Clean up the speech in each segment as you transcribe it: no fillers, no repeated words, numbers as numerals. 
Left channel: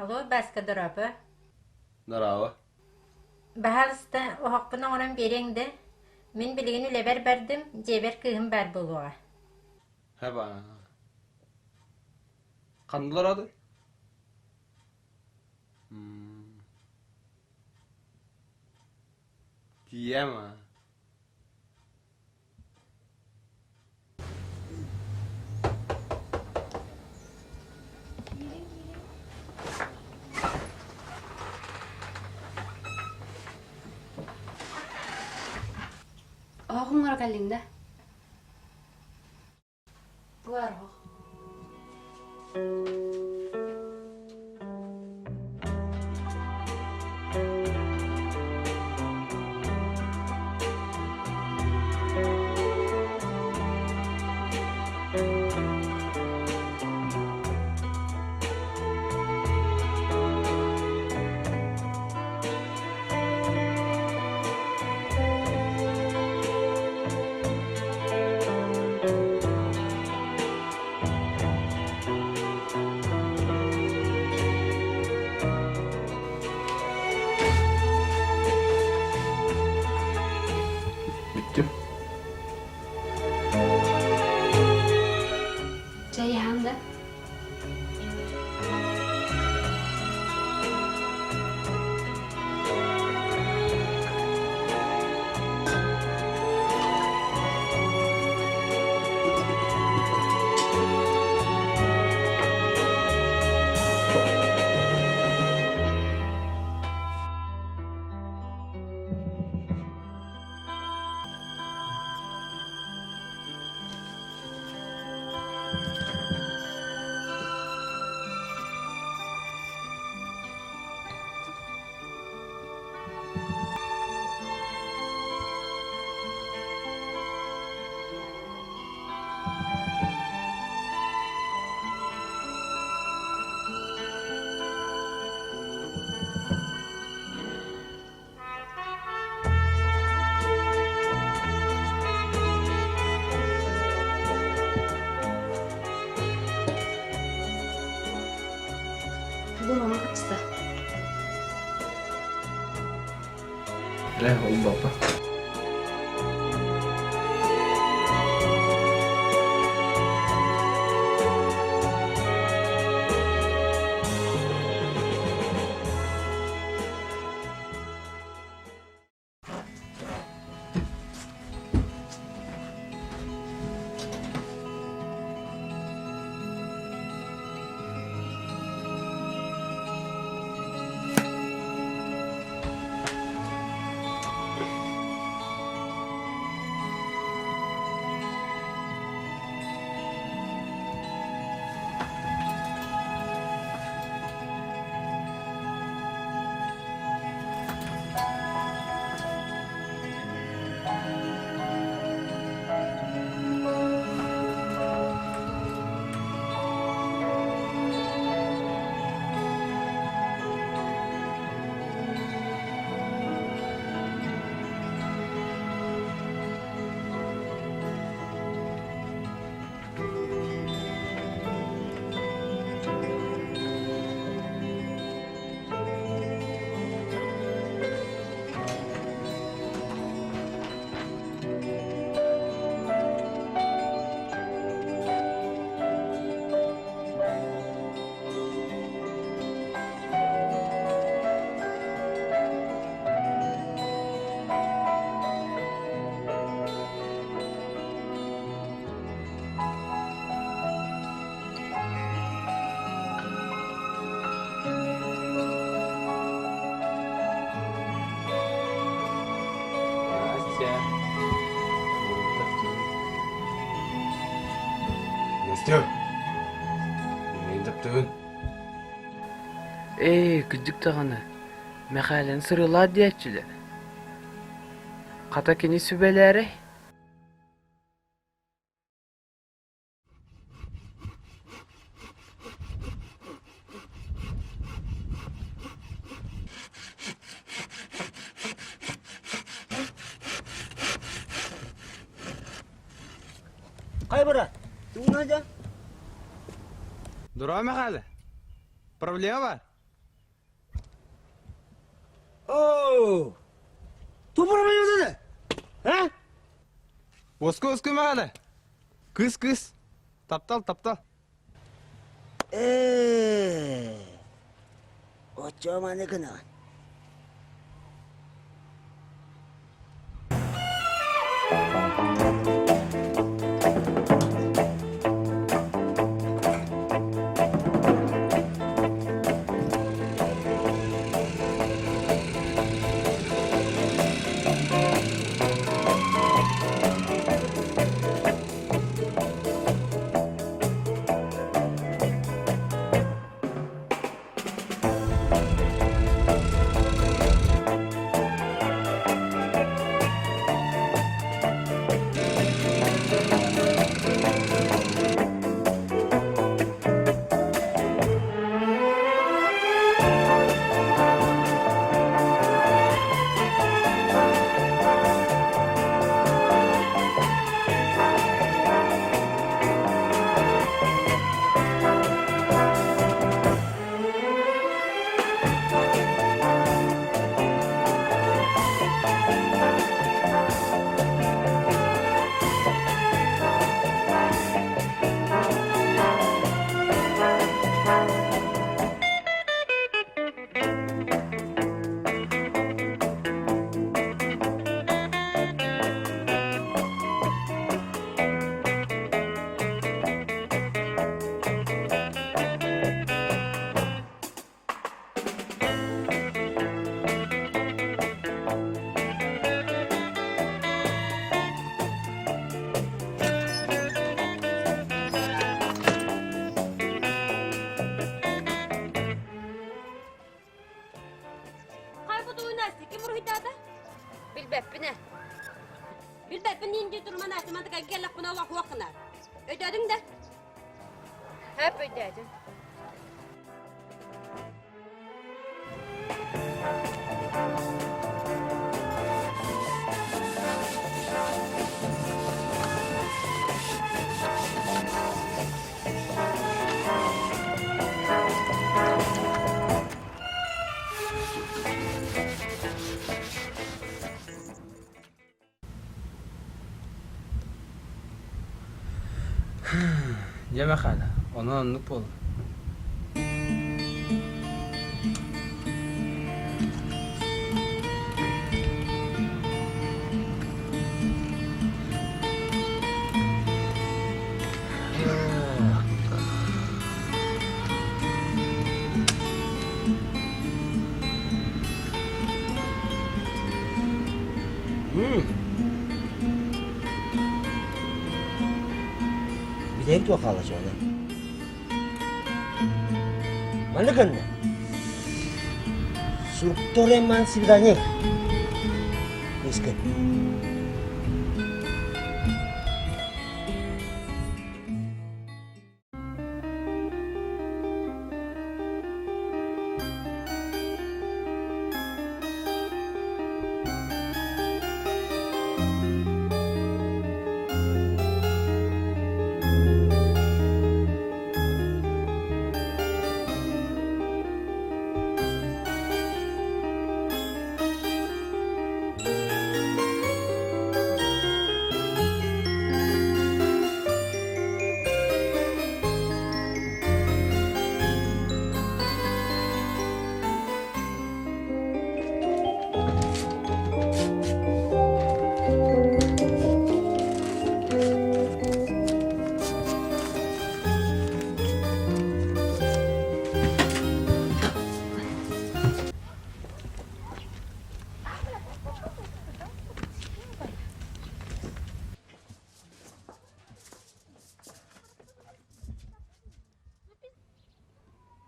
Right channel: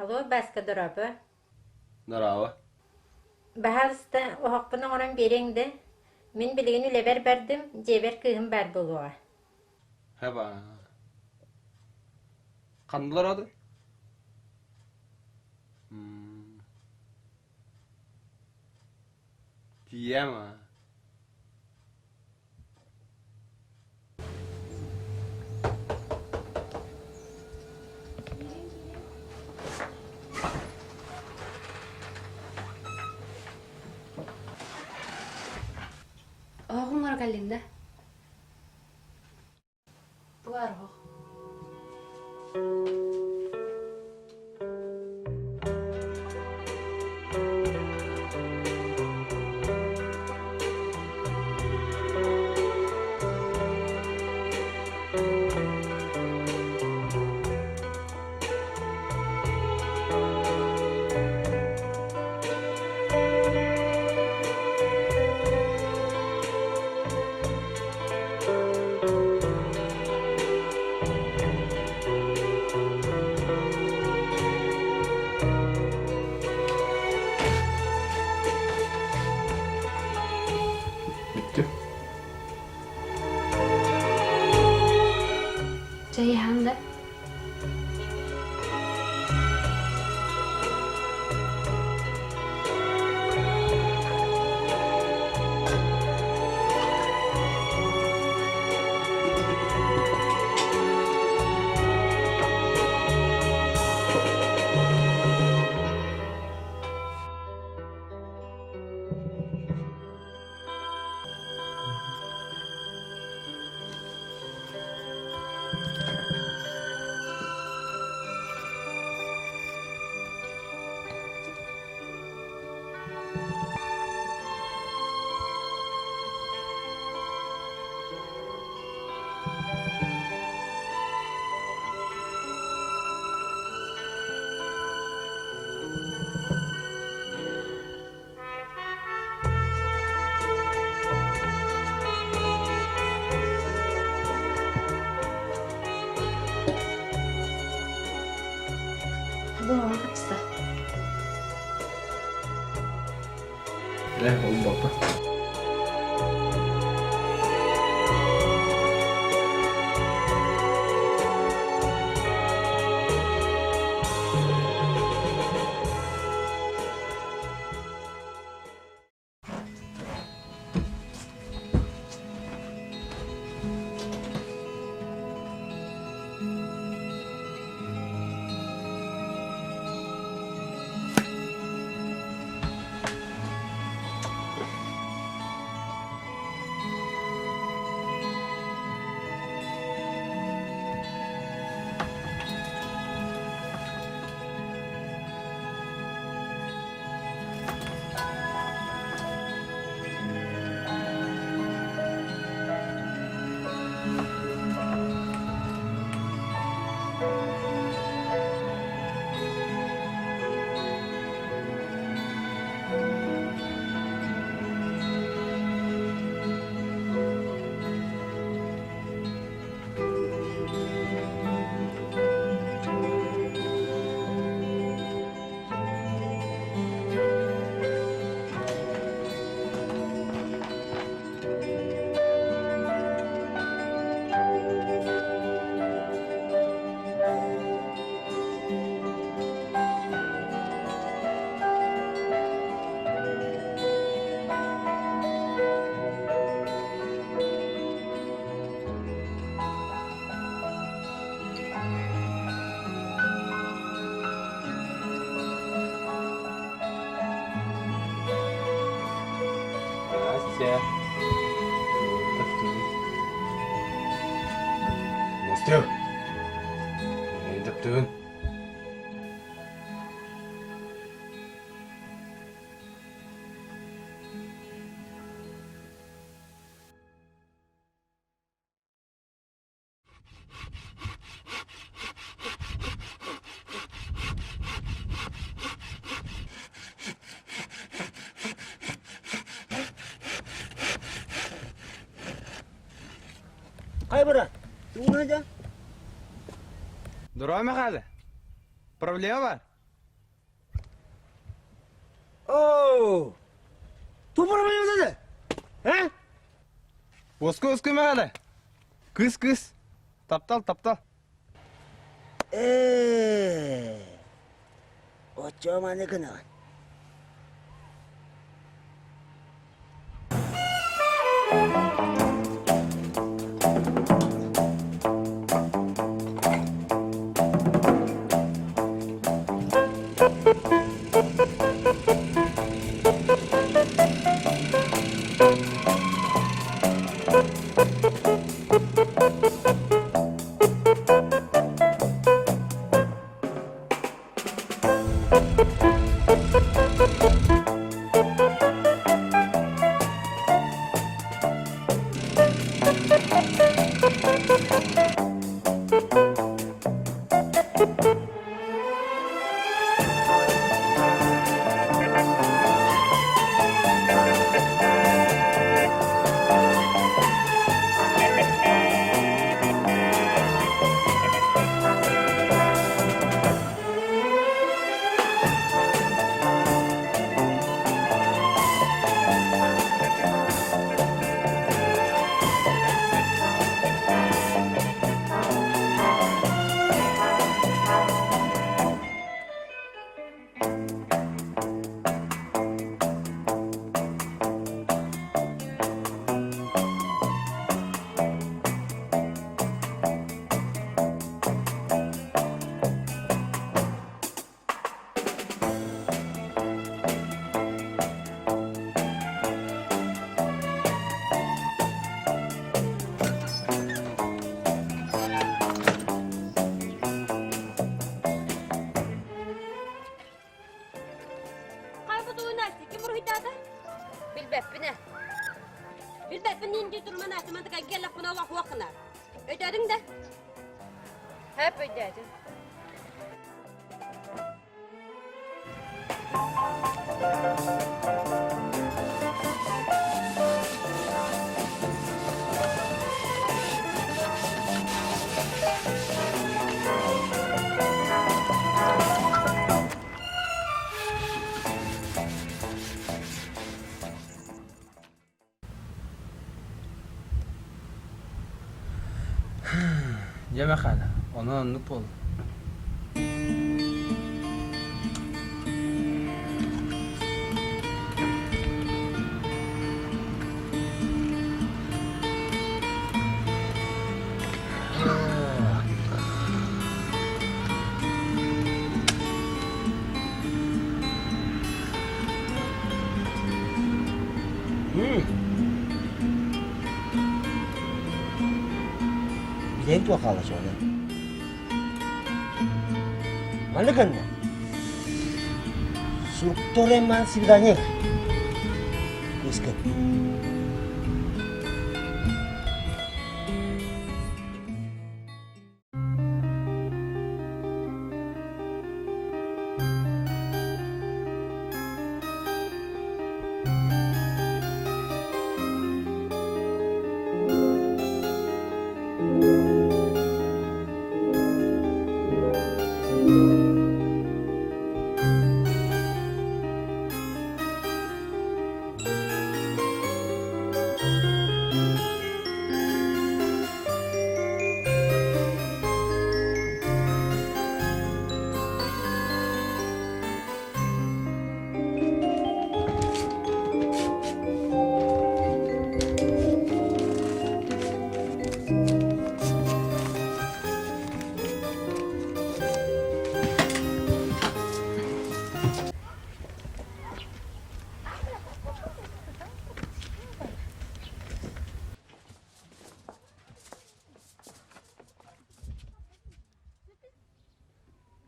Alo, başka durabı. Narava. Bahalısda oğukpuna onun berengdi. Men bilgin üleber berdim, jeber kığım ber boluğa. Heba. Kandılar adı? Diyema. Oğunlar geldiğinde. Bu var o. Bitti. Ceyhan'da. Bu mama kaçtı. Ne oldu baba? Настя. Настю. Neyin yaptın? Küçük tağını. Mekalen sırılar diyetçiler. Katakini subэлэрэ. Қай бара? Туңна да? Дурак Михайло. Проблема var. Oo! Topara mı dedi? He? Oska Mihайло. Kız. Taптал. 어쩌면 내 그나. Bilbep nince durma Настю, man tıkan gel buna vakına. Ödedin de. Hep ödedim. Ya Mihайло, ona anlık oldu. Bilek tu akala şöyle. Mana kan? Strukturnya man silganya. Miskin.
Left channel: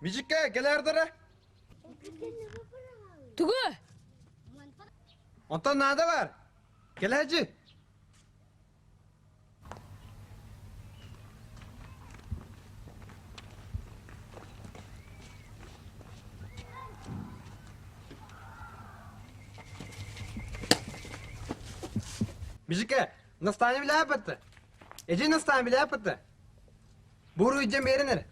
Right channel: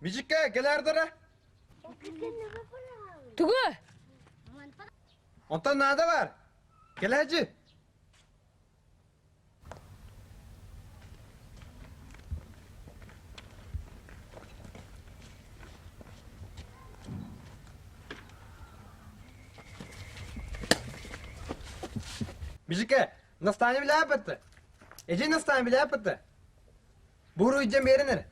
Mijikka gelerdere. Тугу. Ondan nada var? Gel hacı. Mijikka, настане бile yapıttı. Ece настане bile yapıttı. Buru yiyeceğim yerine.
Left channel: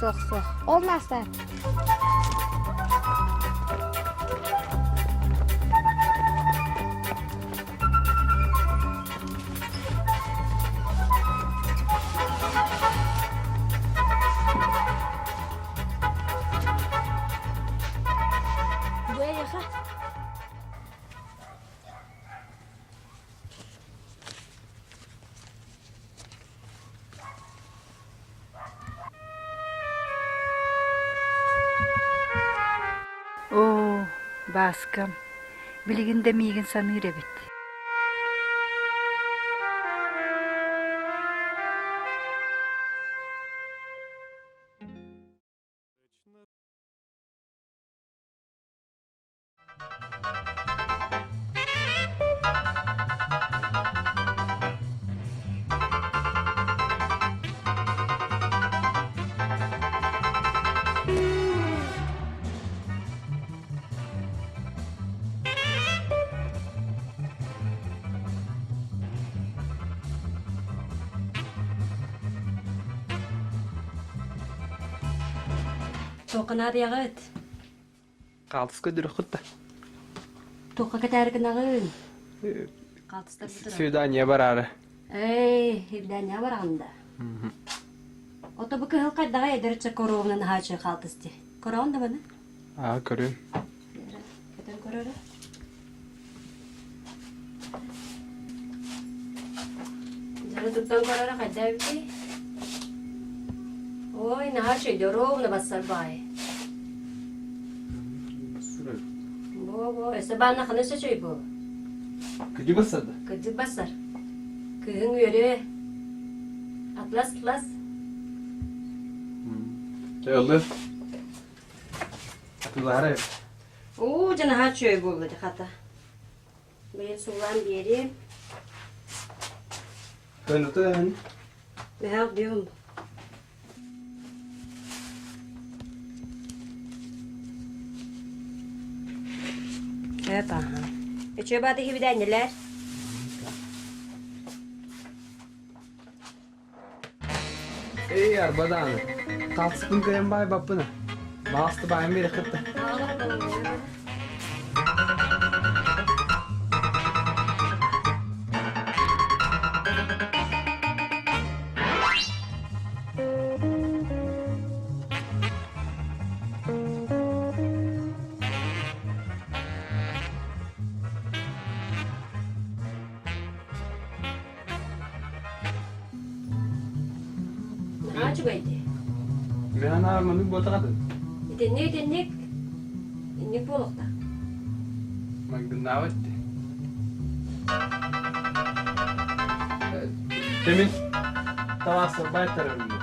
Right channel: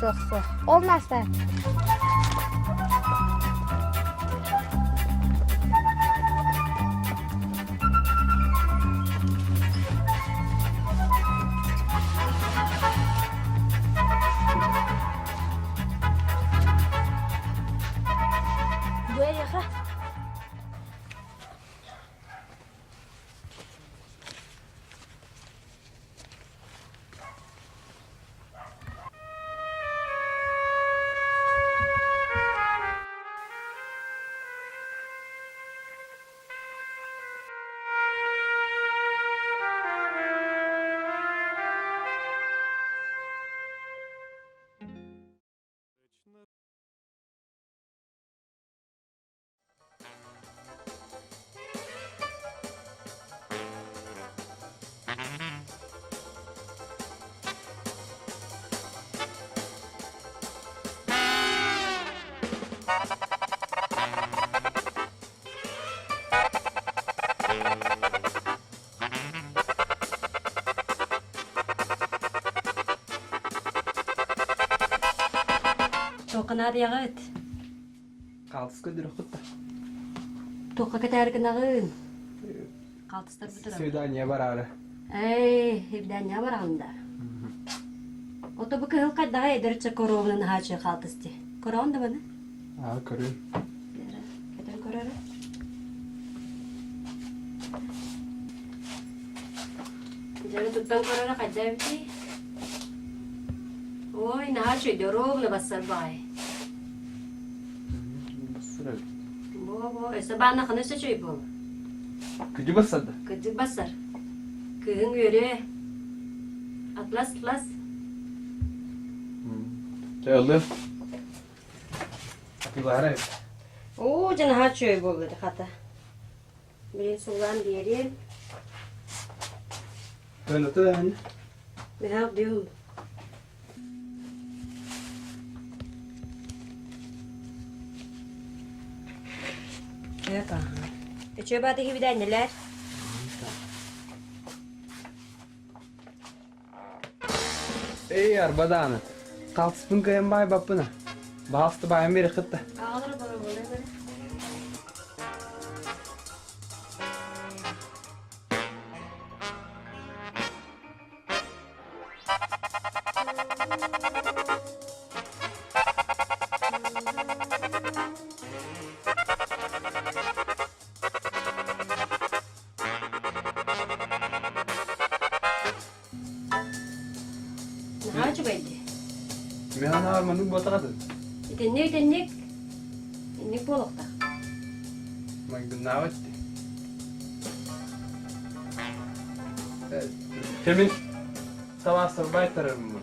Соқ. Olmazsa. Böyle yaka. О, баскам. Билигинде мигин самыр эбит. Toqanar yağıt. Kaltıs ködürü kutta. Toqa katargın ağın. Qaltıstar butura. Südaniye bararı. İbden ne var anda? Oto bu kıl kaddağa ederçe korovunun haçı qaltısti. Korovun da bana? Aa, görüyorum. Keten korora. Jara tuttan korora kaddağa biti. Oy, ne haçı rovuna basar bay. Sabahına kadar seçiyor bu. Gücü basadı. Kıcı basar. Kığın yürü. Atlas. Çağıldı. Atıları. Oo, cana haçıyor bu dedi kata. Benim sulan bir yerim. Ben otu hani. Ben diyorum. Evet aha. Çöbadaki bir de neler? Ey arbadanı. Kaltıspın kıyım bay babına. Bastı bayım biri kıttı. Haçı beydi. Ben harmanı bota kadar. İtenlik. İnlik bolukta. Ben günah etti. Kimin? Tavasır baytarım bu.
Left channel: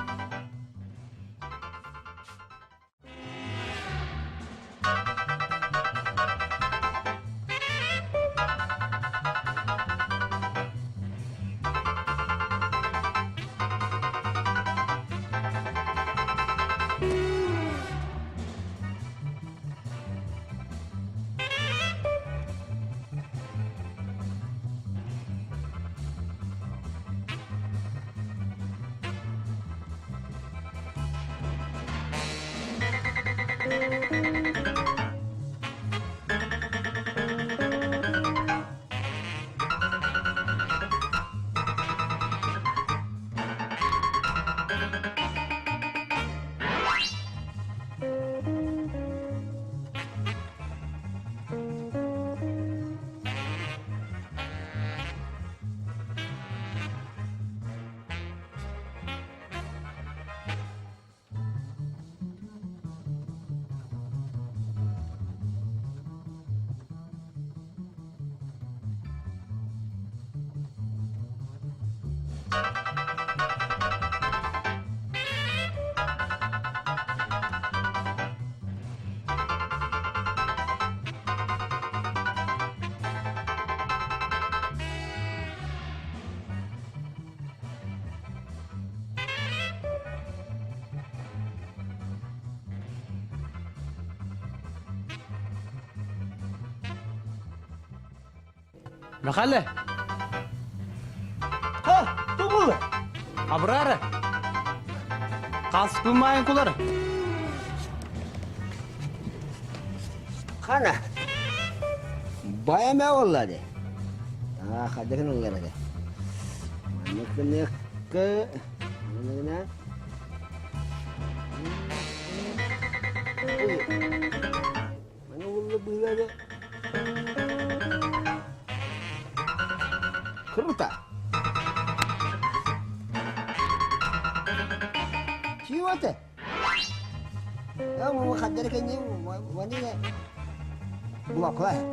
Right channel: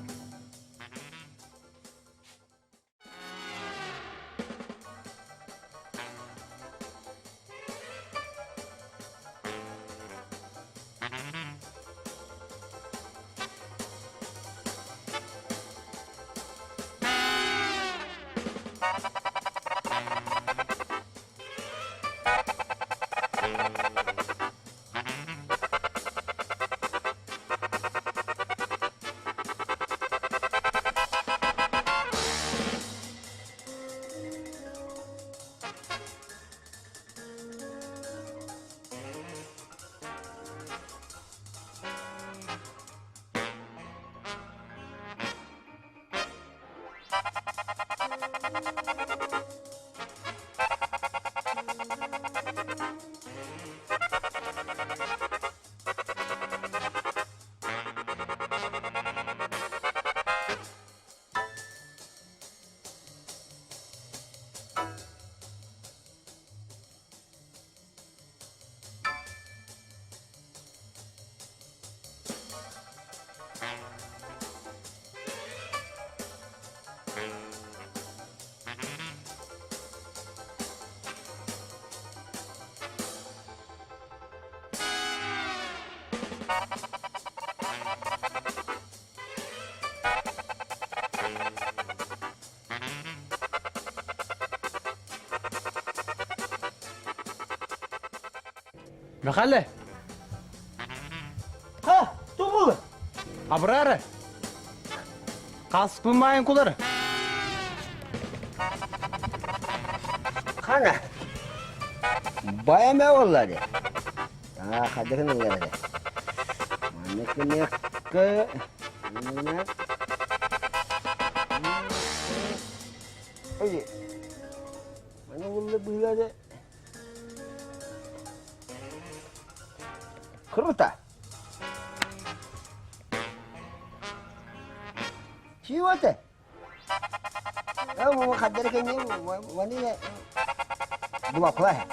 Mekalle. Ha, doğru. Abrara. Kaspılmayın kuları. Kana. Bayam ya vallahi. Hadi kan geldi. Manyak ke. Mana? Oye. Mana vallahi böyle. Kruta. Чего ты? Мы ходили к ним, они глупые.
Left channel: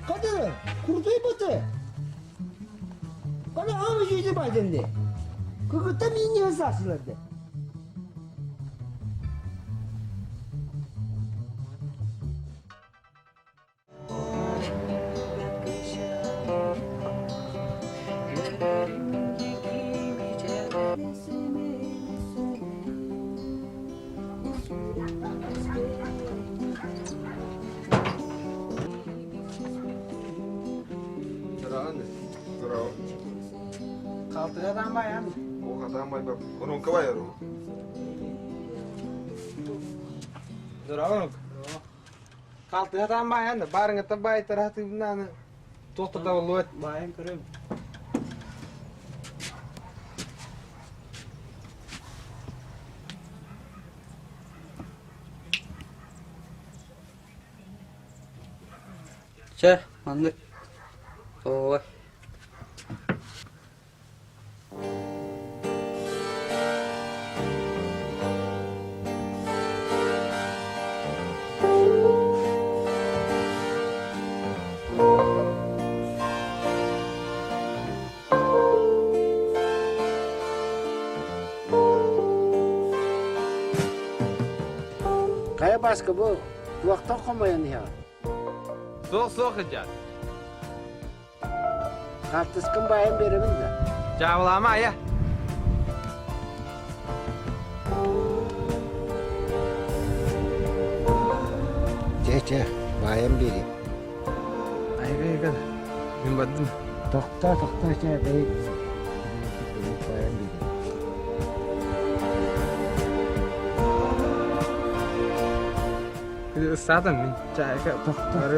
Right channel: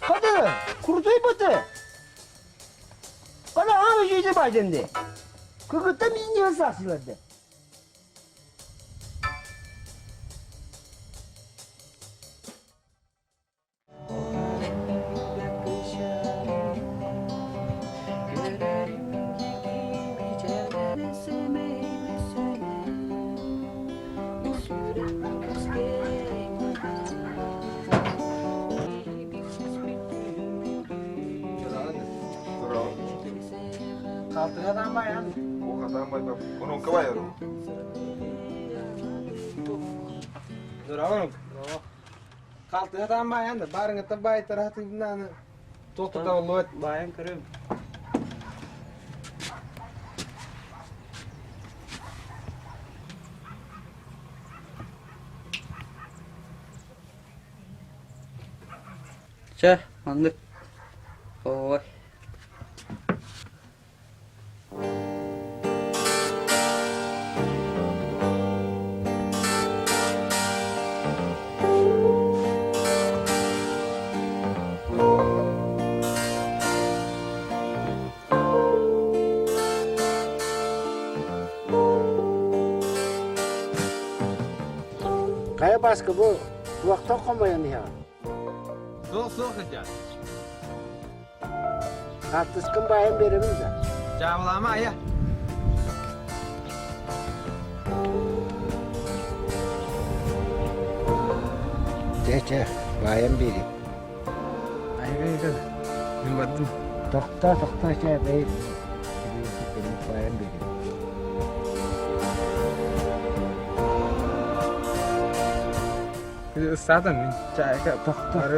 Hadi, kurtayı batı. Bana hangi şeydi bademde? Kıkıtta minyon saksılardı. Kaltıradan bayan. O kadar bay bak. Onun kavayaro. Dur oğlum. Kaltıradan bayan da barın da bay tarafı bundan. Tohtu da olur. Bayan kırım. Çe, mandık. Oy. Kaya başka bu vakti okumayan ya. Soğuk edeceğiz. Kaltıskın bayan verimiz de. Cavlama ya. Çek, bayan vereyim. Ay kadar. Ben baktım. Tokta şey benim bayan vereyim. Bir de ısladım ben. Çay Tokta.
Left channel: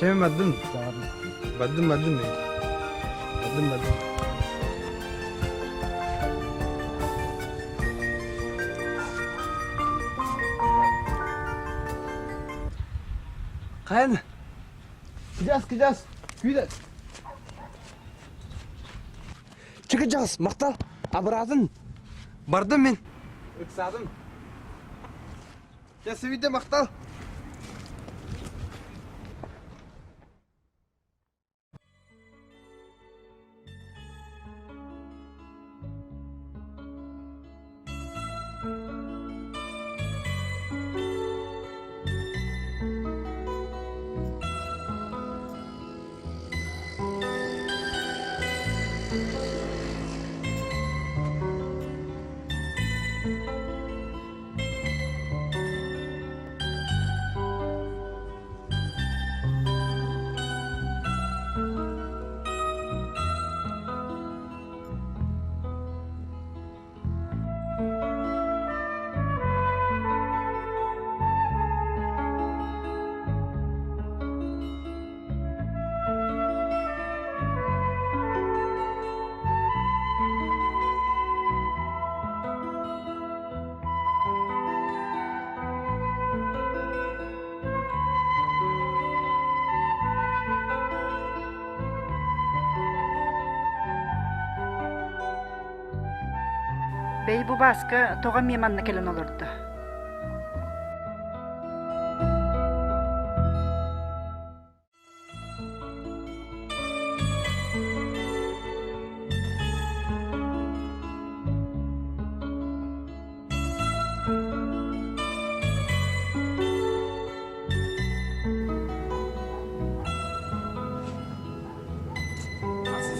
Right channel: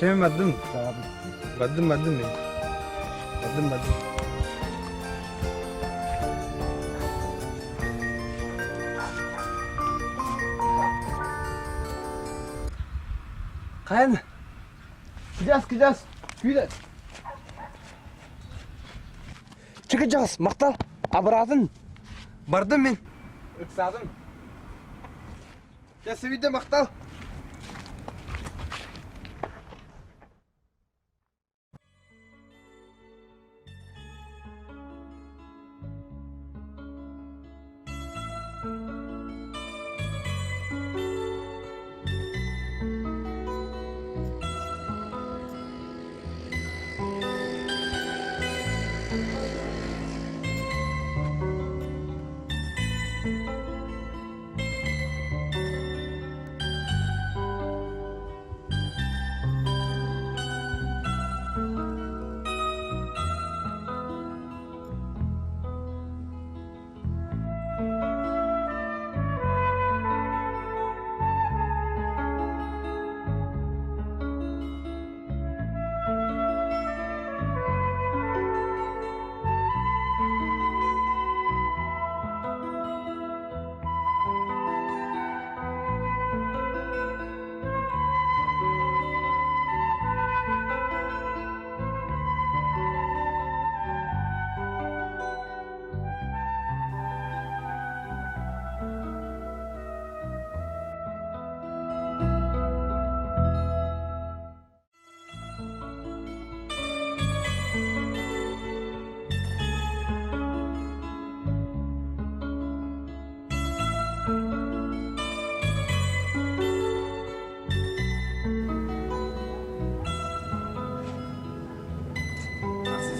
Çay baktım. Tamam. Baktım ben. Baktım. Kayan. Gideceğiz. Güzel. Çıkacağız. Maktal. Abradın. Bardım ben. Iksadım. Ya sevide maktal. Bey bu baskı toğa mimanna kelen olurdu.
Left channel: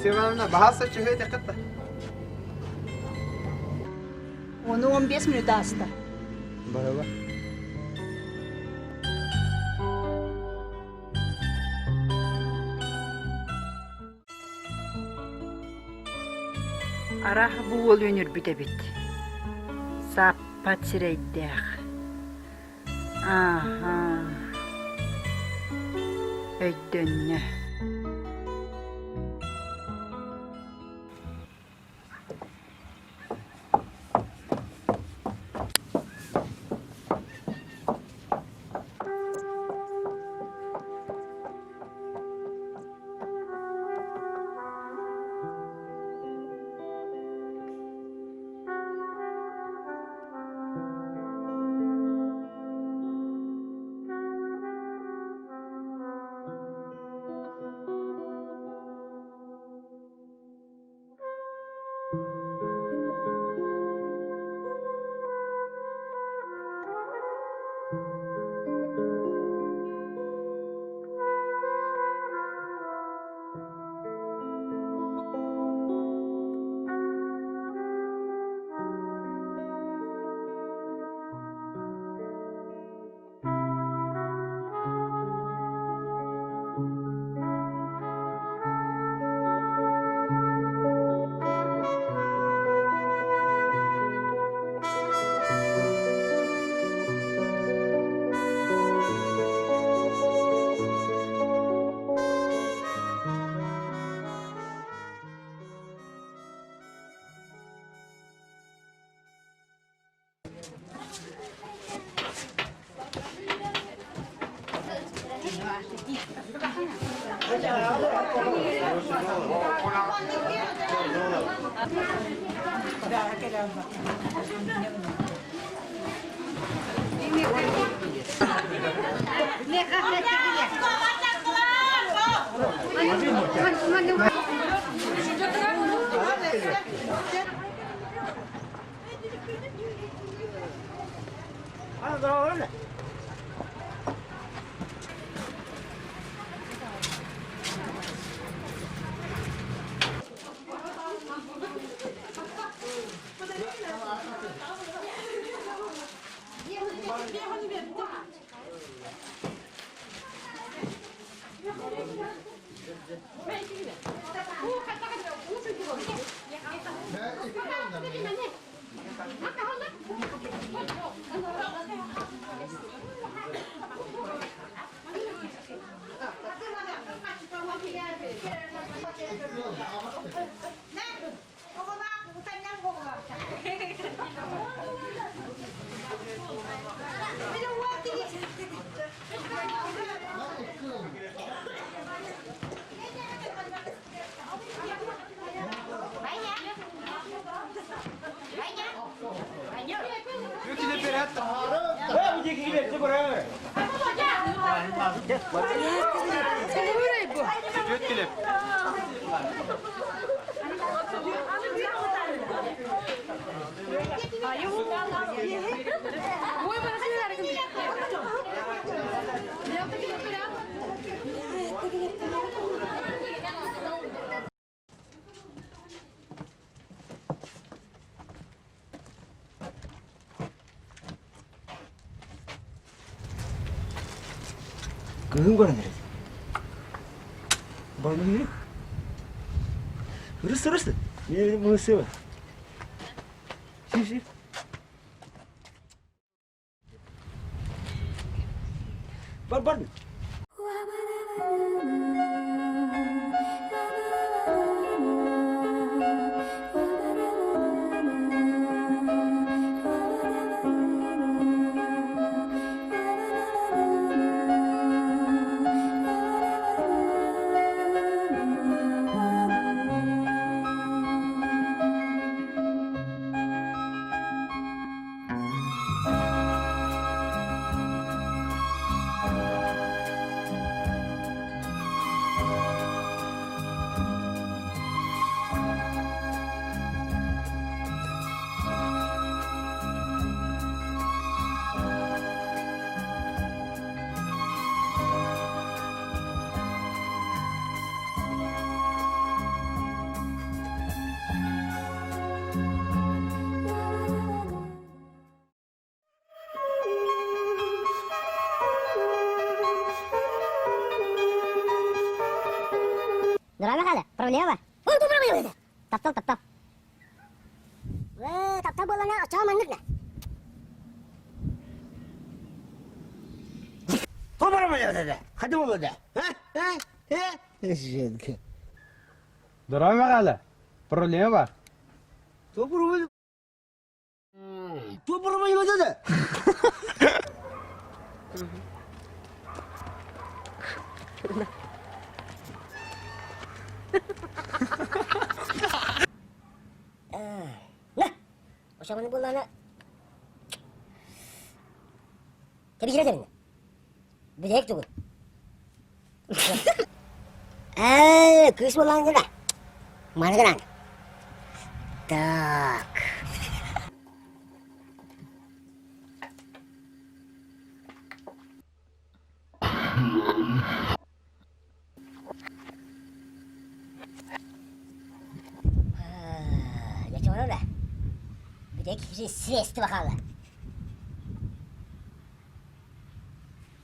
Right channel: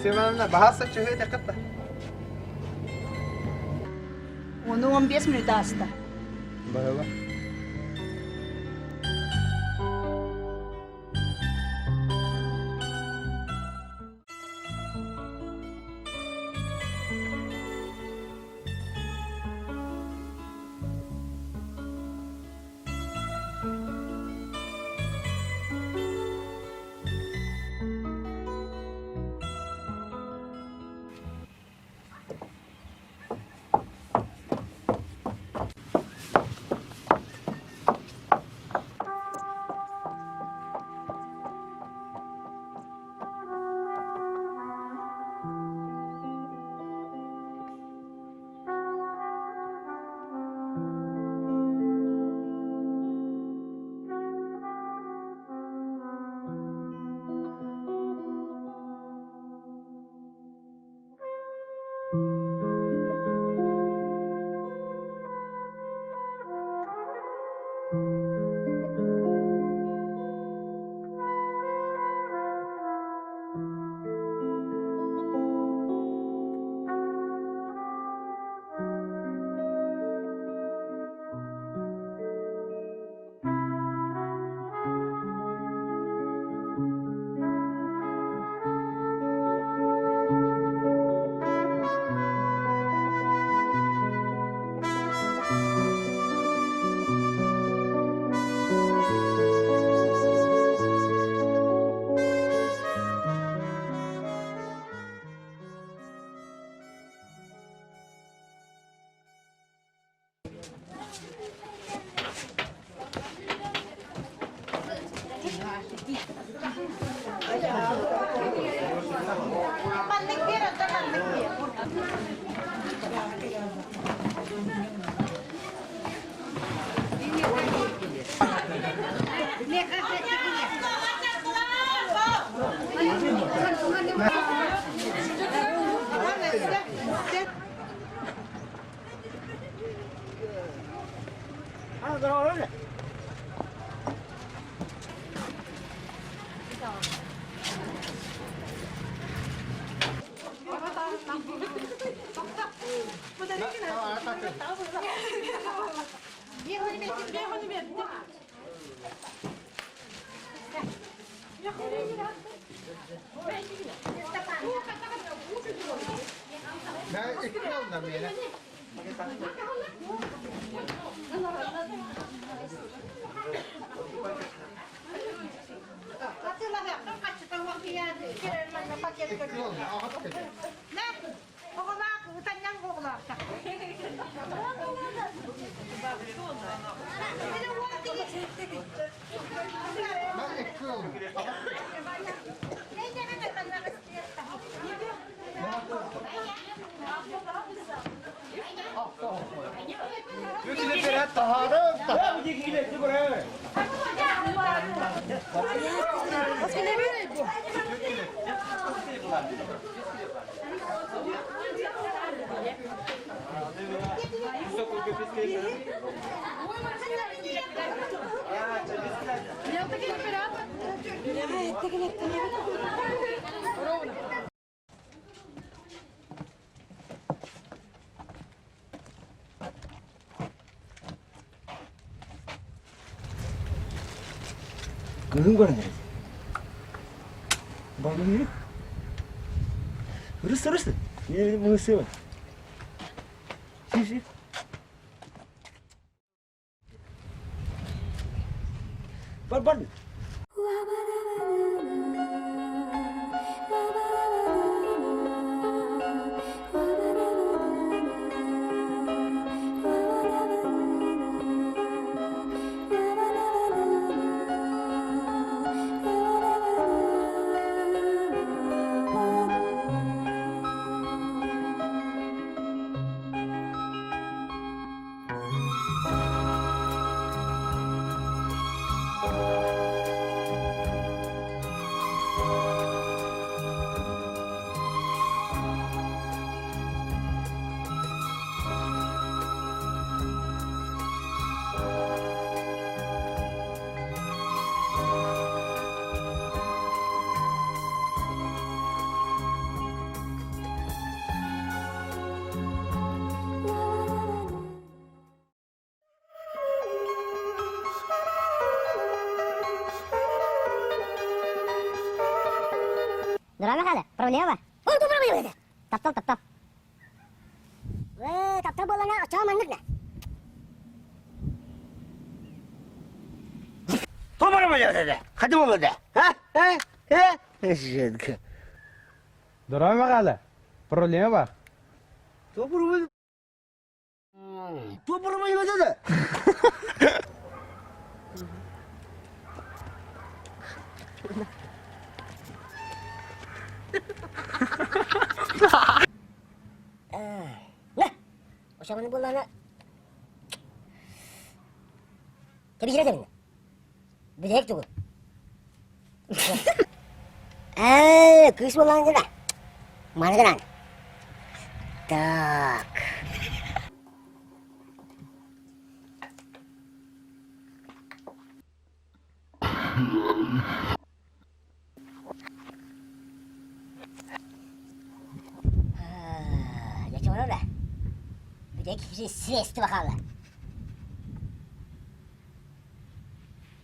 Sevmemle bahasa çıhıyor dikkat. Onu 15 minut hasta. Merhaba. Arah bu ol önür büte bit. Sappat sireydek. Aha. Öydönne. Kızım var neresi? Var mı yürü? Hırıs. Ne bunu sever? Siv. Var mı? Драма кады? Проблема бар. Ол ту проблема dedi. Таптал. Таптал болана ача мандык да. Tu problema dedi. Hadi baba de. Ha? Eşek. Durama hala. Problemi var. Tu problema. Tu problema dedi. Nah. Ача мандык болана. Tabi girelim. Bilek tuğu. Kız olan da. Mana kan? Tak. Ya çabuk da. Bilek sesti bakalım.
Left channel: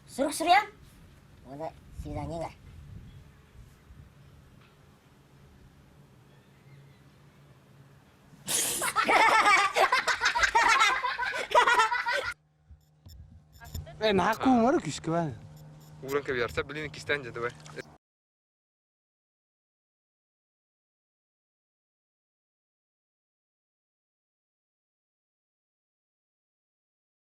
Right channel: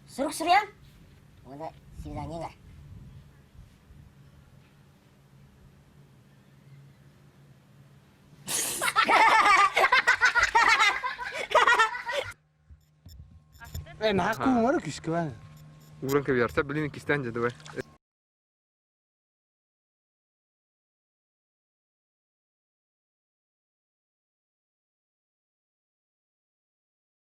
Suruk ya? O da свидание var. Nah aku umur küskü ben. Uğran kabiyarsa bilin ikisten dedi be.